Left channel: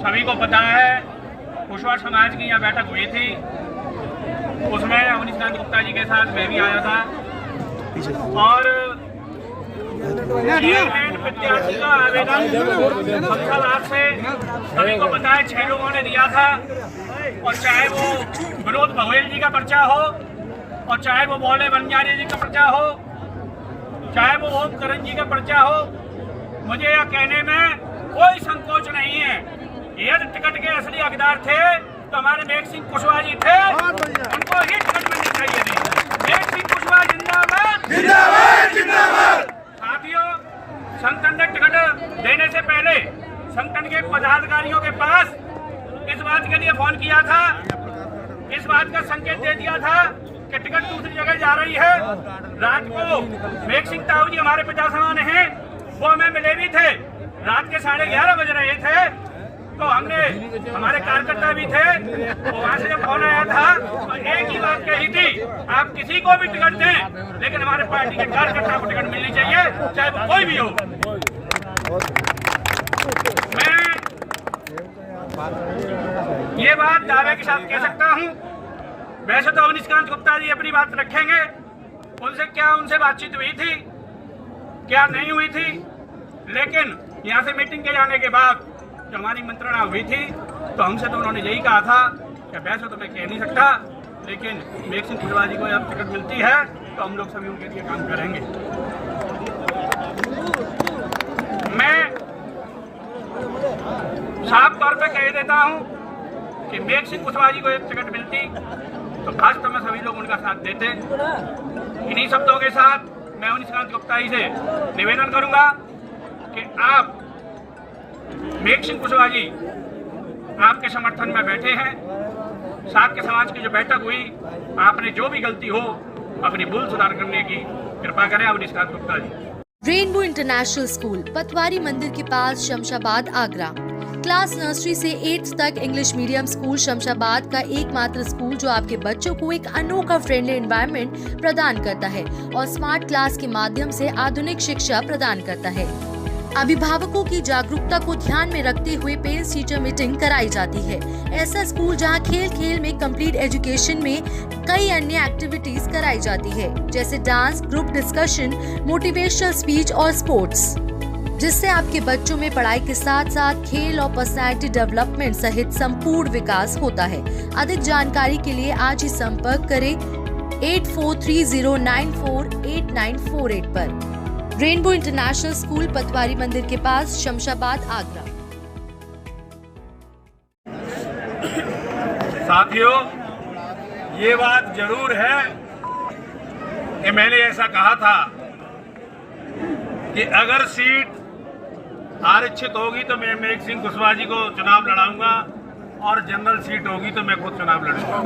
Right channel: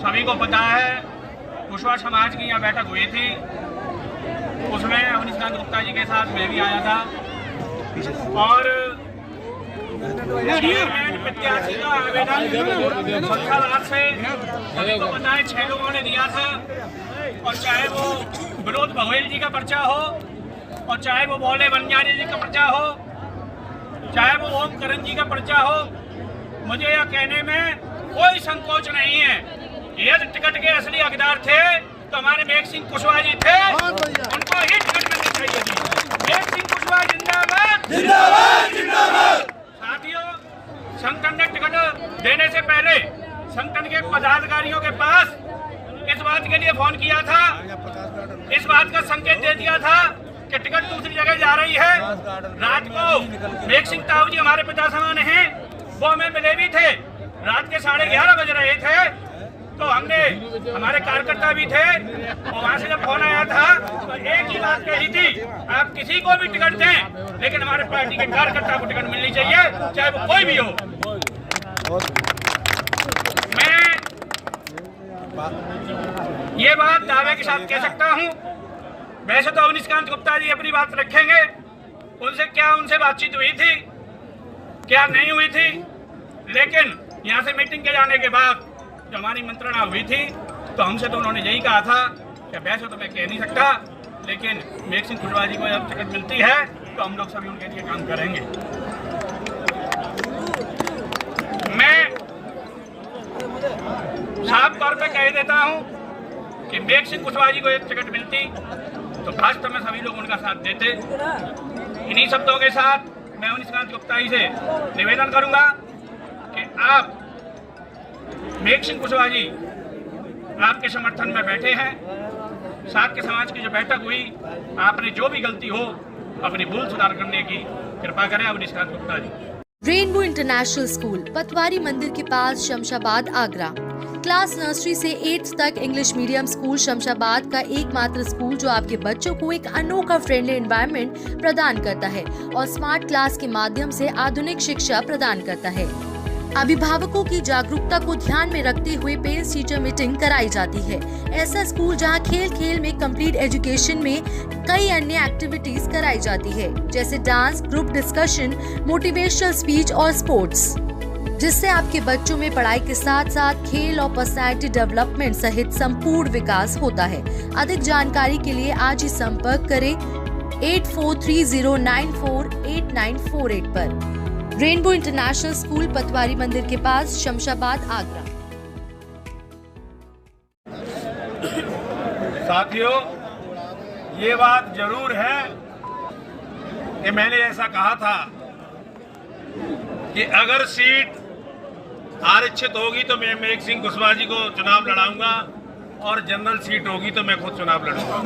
सभी को पता है कुशवाहा समाज की यहाँ बैठक हुई थी, उसमें अवनीश गुप्ता जी के साथ मैं भी आया था और चेयरमैन प्रत्याशी का आवेदन संख्यालाभ से सभी को पता है 6 लोगों ने दिया था। और चाहे वो विनोद बघेल जी का पर्चा हो और चाहे वो बोले बंजारी जी का पर्चा हो, चाहे वो ओम करण जी का पर्चा हो, मुझे यह कहने में कोई संकोच नहीं है। यदि टिकट के असली हकदार थे तो हमारे मेघ सिंह कुशवाहा जी थे, उनको ही टिकट मिलनी चाहिए थी। मेघ सिंह कुशवाहा जिंदाबाद, जिंदाबाद, जिंदाबाद। साथियों, संगठन ने टिकट देने से पहले संगठन के पदाधिकारियों के पास इस बात के लिए फोन किया था, इस बात का संकेत दे दिया था कि टिकट दूसरी जगह जा रही है। रात को मेघ सिंह ताऊ जी हमारे पिता समान हैं, वो हमें मिले भी थे। रात के 11:30 बज रहे थे तो हमने, हमारे कार्यकर्ता भी थे, तो वहां से जब फोन आया था तो एक ही बात कही थी, आप किसी को भी टिकट दें लेकिन हमारे पार्टी के कार्यकर्ता को टिकट मिलनी चाहिए, चाहे वो कोई भी हो। मैं ये बात दावे के साथ कह सकता हूं। वैसे तो अवनीश गुप्ता जी अपनी बात रखेंगे, उनसे बातचीत हुई थी क्या नहीं हुई थी, लेकिन यहाँ से मीटिंग के जाने के बाद जो हमारी मंत्रणा हुई थी तो हमसे तो उन्होंने यही कहा था कि वैसे तो मैं कह नहीं सकता, लेकिन मेघ सिंह कुशवाहा जी को जब टिकट मिलती है तो हम लोग सभी उनके लिए काम करेंगे। मैं साफ तौर पे कह देता हूं कि मेघ सिंह कुशवाहा जी को एक टिकट मिलती तो भाजपा में सभी लोग उनका साथ देते। इन्हीं शब्दों के साथ मैं अवनीश गुप्ता जी से निवेदन करूंगा कि आप मेघ सिंह कुशवाहा जी आपके समर्थन में बैठे हैं। साथ के समाज की जो बैठक हुई, आपने जो भी गलती हो अपनी भूल सुधार करने की कृपा करें। Awanish Gupta ji. Rainbow international school, पतवारी मंदिर के पास, शमशाबाद, आगरा। क्लास नर्सरी से 8th तक इंग्लिश मीडियम स्कूल शमशाबाद का एकमात्र स्कूल जो आपके बच्चों को एक अनोखा फ्रेंडली एनवायरनमेंट प्रदान करता है और स्मार्ट क्लास के माध्यम से आधुनिक शिक्षा प्रदान करता है। अभिभावकों की जागरूकता को ध्यान में रखते हुए पेरेंट्स टीचर मीटिंग कराई जाती है। ऐसा स्कूल जहां खेल खेल में कंप्लीट एजुकेशन में कई अन्य एक्टिविटीज कराई जाती है, जैसे dance, group discussion, motivational speech और स्पोर्ट्स, जिससे आपके बच्चों में पढ़ाई के साथ साथ खेल और पर्सनैलिटी डेवलपमेंट सहित संपूर्ण विकास होता है। अधिक जानकारी के लिए आज ही संपर्क करें 8430948948 पर। रेनबो इंटरनेशनल स्कूल, पतवारी मंदिर के पास, शमशाबाद, आगरा। साथियों, ये बात जरूर है कि मैंने ऐसा कहा था कि अगर सीट आरक्षित होगी तो मैं मेघ सिंह कुशवाहा जी को चुनाव लड़ाऊंगा और जनरल सीट होगी तो मैं खुद चुनाव लड़ूंगा।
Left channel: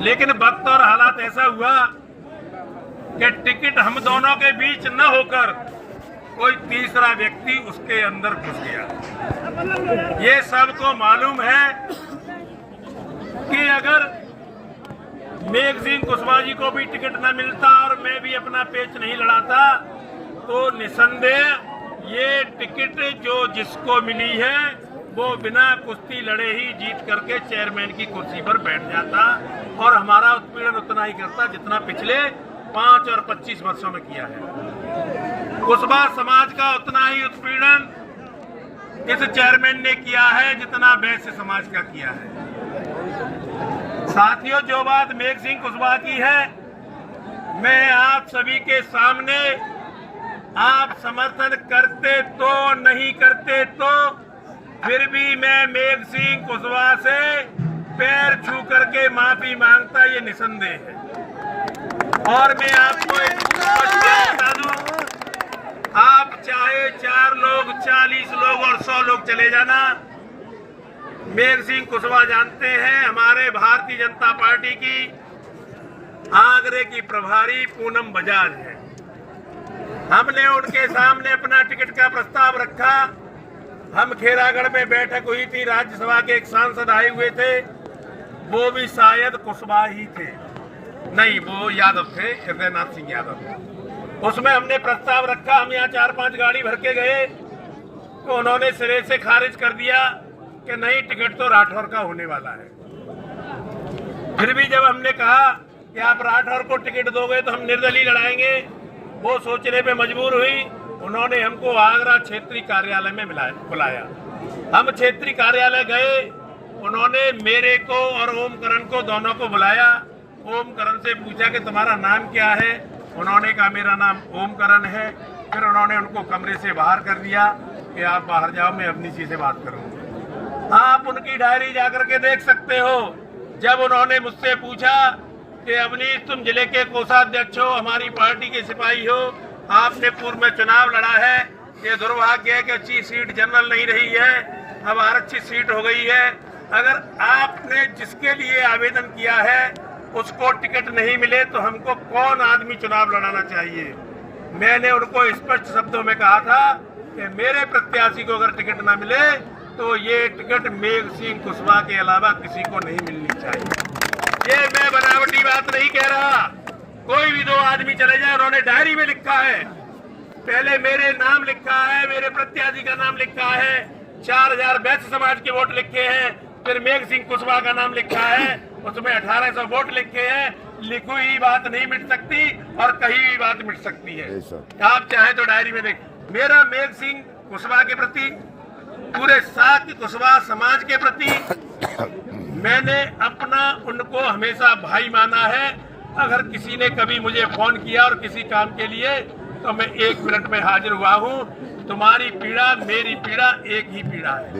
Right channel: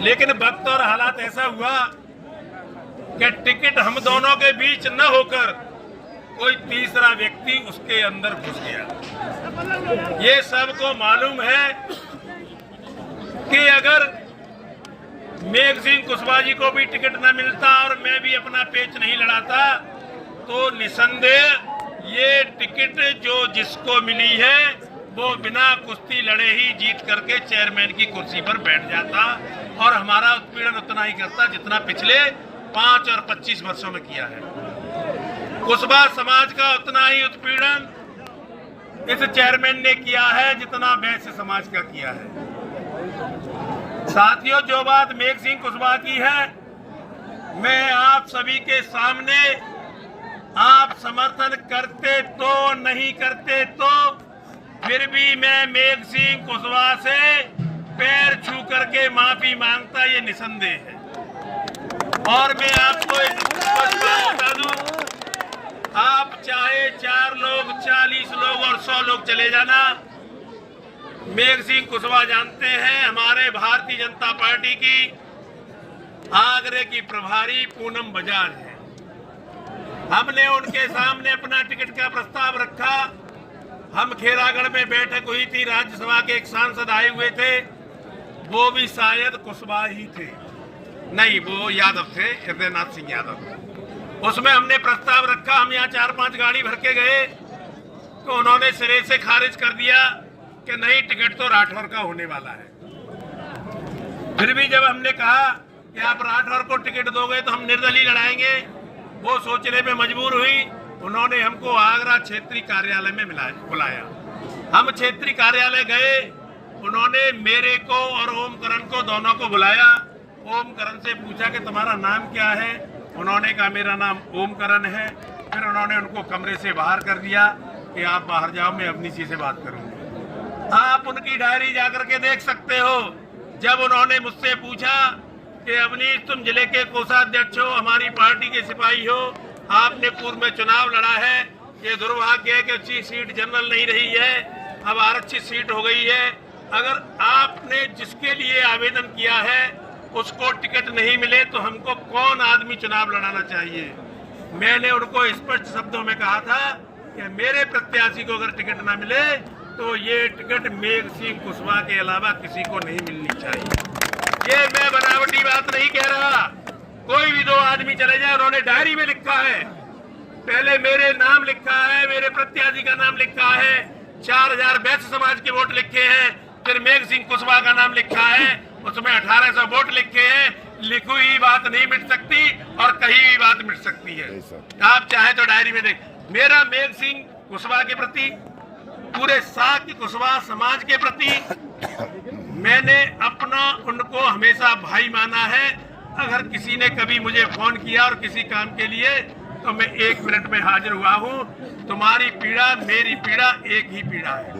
लेकिन वक्त और हालात ऐसा हुआ कि टिकट हम दोनों के बीच न होकर कोई तीसरा व्यक्ति उसके अंदर घुस गया। ये सबको मालूम है कि अगर मेघ सिंह कुशवाहा जी को भी टिकट न मिलता और मैं भी अपना पेच नहीं लड़ाता तो निसंदेह ये टिकट जो जिसको मिली है वो बिना कुश्ती लड़े ही जीत करके चेयरमैन की कुर्सी पर बैठ जाता और हमारा उत्पीड़न उतना ही करता जितना पिछले 5 और 25 वर्षों में किया है। कुशवाहा समाज का उतना ही उत्पीड़न इस चेयरमैन ने किया है जितना वैश्य समाज का किया है। साथियों, जो बात मेघ सिंह कुशवाहा की है, मैं आप सभी के सामने, आप समर्थन करते तो नहीं करते तो फिर भी मैं मेघ सिंह कुशवाहा से पैर छू करके माफी मांगता, ये निसंदेह है। और मैं आपको एक स्पष्ट बात बता दूं, आप चाहे 4 लोग, 40 लोग और 100 लोग चले जाना, मेघ सिंह कुशवाहा जानते हैं हमारे भारतीय जनता पार्टी की आगरे की प्रभारी पूनम बजाज है। हमने उनके सामने अपना टिकट का प्रस्ताव रखा। हम खेरागढ़ में बैठक हुई थी, राज्यसभा के एक सांसद आए हुए थे, वो भी शायद कुशवाहा ही थे, नहीं वो यादव थे, हृदयनाथ सिंह यादव। उसमें हमने प्रस्ताव रखा, हम यहाँ 4-5 गाड़ी भर के गए तो उन्होंने सिरे से खारिज कर दिया कि नहीं, टिकट तो राठौर का होने वाला है। फिर भी जब हमने कहा कि आप राठौर को टिकट दोगे तो हम निर्दलीय लड़ाएंगे, वो सोचने पे मजबूर हुई। उन्होंने हमको आगरा क्षेत्रीय कार्यालय में बुलाया। हम क्षेत्रीय कार्यालय गए, उन्होंने मेरे को और ओम करण को दोनों को बुलाया। ओम करण से पूछा कि तुम्हारा नाम क्या है? उन्होंने कहा मेरा नाम ओम करण है। फिर उन्होंने उनको कमरे से बाहर कर दिया कि आप बाहर जाओ, मैं अवनीशी से बात करूंगी। आप उनकी डायरी जाकर के देख सकते हो। जब उन्होंने मुझसे पूछा कि अवनीश, तुम जिले के कोषाध्यक्ष हो, हमारी पार्टी के सिपाही हो, आपने पूर्व में चुनाव लड़ा है, ये दुर्भाग्य है कि अच्छी सीट जनरल नहीं रही है, अब आरक्षित सीट हो गई है। अगर आपने जिसके लिए आवेदन किया है उसको टिकट नहीं मिले तो हमको कौन आदमी चुनाव लड़ाना चाहिए? मैंने उनको स्पष्ट शब्दों में कहा था कि मेरे प्रत्याशी को अगर टिकट ना मिले तो ये टिकट मेघ सिंह कुशवाहा के अलावा किसी को नहीं मिलनी चाहिए। ये मैं बनावटी बात नहीं कह रहा। कोई भी दो आदमी चले जाए, उन्होंने डायरी में लिखा है, पहले मेरे नाम लिखा है, मेरे प्रत्याशी का नाम लिखा है, 4000 वैश्य समाज के वोट लिखे हैं, फिर मेघ सिंह कुशवाहा का नाम लिखा है, उसमें 1800 वोट लिखे हैं। लिखी हुई बात नहीं मिट सकती और कही हुई बात मिट सकती है। आप चाहे तो डायरी में देख। मेरा मेघ सिंह कुशवाहा के प्रति, पूरे शाक्य कुशवाहा समाज के प्रति मैंने अपना उनको हमेशा भाई माना है। अगर किसी ने कभी मुझे फोन किया और किसी काम के लिए, तो मैं 1 मिनट में हाजिर हुआ हूँ। तुम्हारी पीड़ा मेरी पीड़ा एक ही पीड़ा है।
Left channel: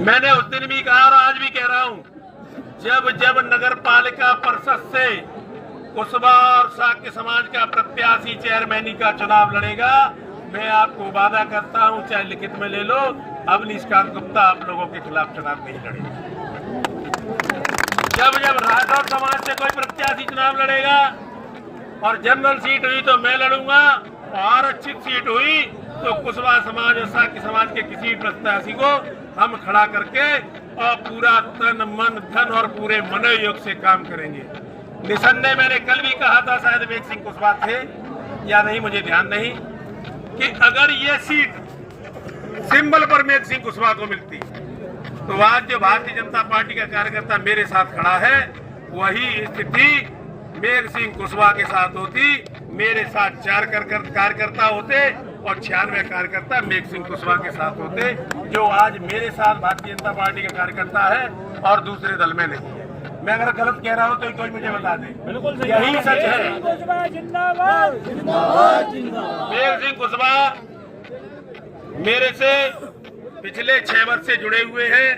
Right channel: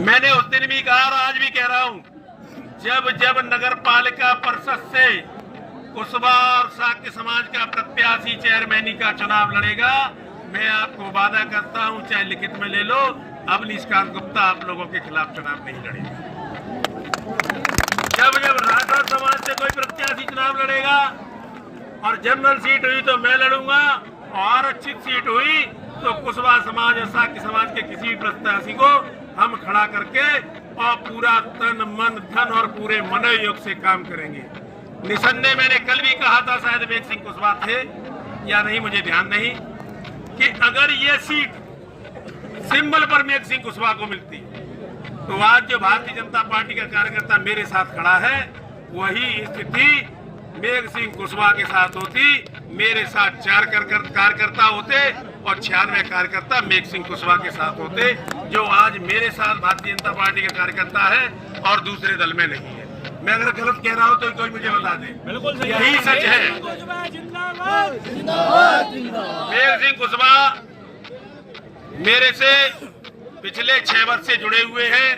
मैंने उस दिन भी कहा और आज भी कह रहा हूँ, जब जब नगर पालिका परिषद से कुशवाहा और शाक्य समाज का प्रत्याशी चेयरमैनी का चुनाव लड़ेगा, मैं आपको वादा करता हूं, चाहे लिखित में ले लो, अवनीश कांत गुप्ता आप लोगों के खिलाफ चुनाव नहीं लड़ेगा। जब जब राठौर समाज से कोई प्रत्याशी चुनाव लड़ेगा और जनरल सीट हुई तो मैं लड़ूंगा, और आरक्षित सीट हुई तो कुशवाहा समाज और शाक्य समाज के किसी भी प्रत्याशी को हम खड़ा करके और पूरा तन मन धन और पूरे मनोयोग से काम करेंगे। निसंदेह मैंने कल भी कहा था, शायद मेघ सिंह कुशवाहा थे या नहीं मुझे ध्यान नहीं, कि अगर ये सीट सिंबल पर मेघ सिंह कुशवाहा को मिलती तो आज जो भारतीय जनता पार्टी का कार्यकर्ता मेरे साथ खड़ा है, वही स्थिति मेघ सिंह कुशवाहा के साथ होती। मेरे साथ 4 कार्यकर्ता होते और 96 कार्यकर्ता मेघ सिंह कुशवाहा के साथ होते, जो आज मेरे साथ भारतीय जनता पार्टी का कार्यकर्ता है और दूसरे दल में नहीं है। मैं अगर गलत कह रहा हूं तो कोई मुझे बता दे। बिल्कुल यही सच है। मेघ सिंह कुशवाहा मेरे से पिछले 6 वर्ष से जुड़े हुए हैं।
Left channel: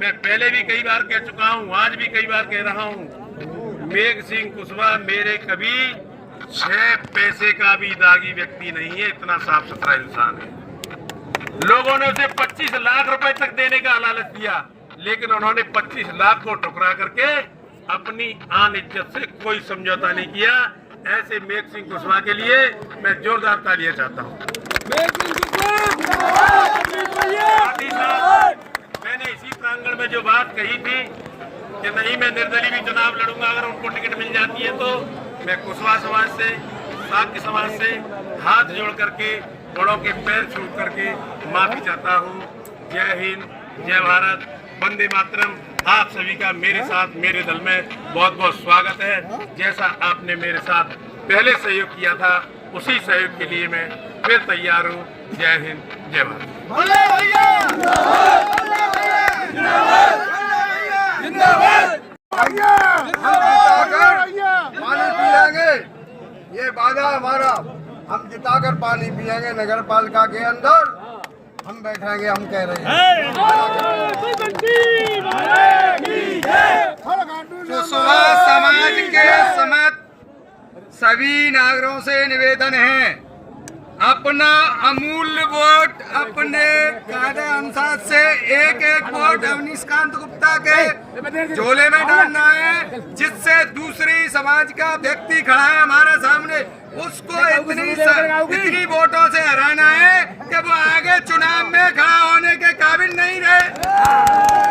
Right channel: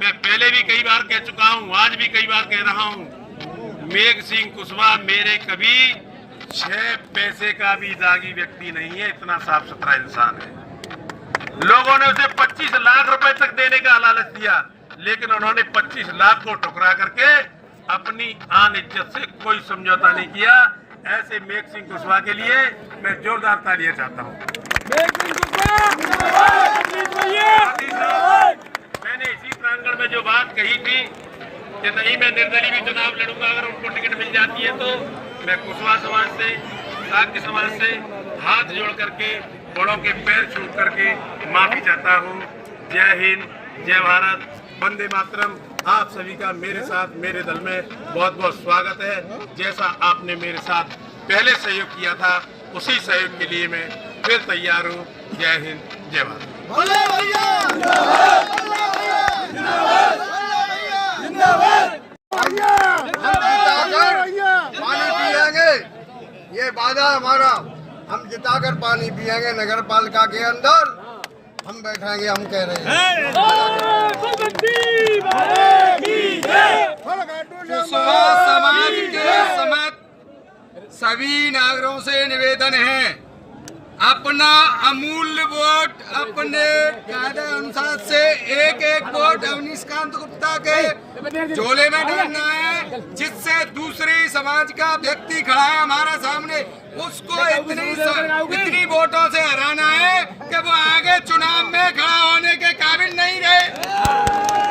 मैं पहले भी कई बार कह चुका हूं, आज भी कई बार कह रहा हूं, मेघ सिंह कुशवाहा मेरे कभी 6 पैसे का भी दागी व्यक्ति नहीं है। इतना साफ सुथरा इंसान है। लोगों ने उसे 25 लाख रुपए तक देने का लालच दिया, लेकिन उन्होंने 25 लाख को ठुकरा करके अपनी आन इज्जत से कोई समझौता नहीं किया। ऐसे मेघ सिंह कुशवाहा के लिए मैं जोरदार तालियां चाहता हूं। मैंने इसी प्रांगण में जो बात कही थी कि नहीं, मैं निर्दलीय भी चुनाव लड़ूंगा अगर उनको टिकट मिल जाती है, तो मैं कुशवाहा समाज से, शाक्य समाज से हाथ जोड़ करके, बड़ों के पैर छू करके माफी चाहता हूँ। जय हिंद, जय भारत, वंदे मातरम। आप सभी का मेरे साथ, मेरे दल में बहुत बहुत स्वागत है। जैसा आपने मेरे साथ पहले सहयोग किया था, उसी सहयोग के लिए मैं फिर तैयार हूँ। जय हिंद, जय भारत। पानी पिएंगे, ये वादा हमारा। हम जिताकर पानी पिएंगे नगर पालिका के अंदर, हम बैठेंगे, हम कह रहे हैं। कुशवाहा समाज के समेत सभी नागरिकों से निवेदन है, अपना अमूल्य वोट अपने कायदे अनुसार से एक वोट अवनीश कांत गुप्ता के झोले में डालना है, जिससे दूसरी समाज का व्यक्ति खड़ा है हमारे सामने, उसको इतनी वोटों से हराना है कि वो आगे चुनाव में खड़ा होने के काबिल नहीं रहे।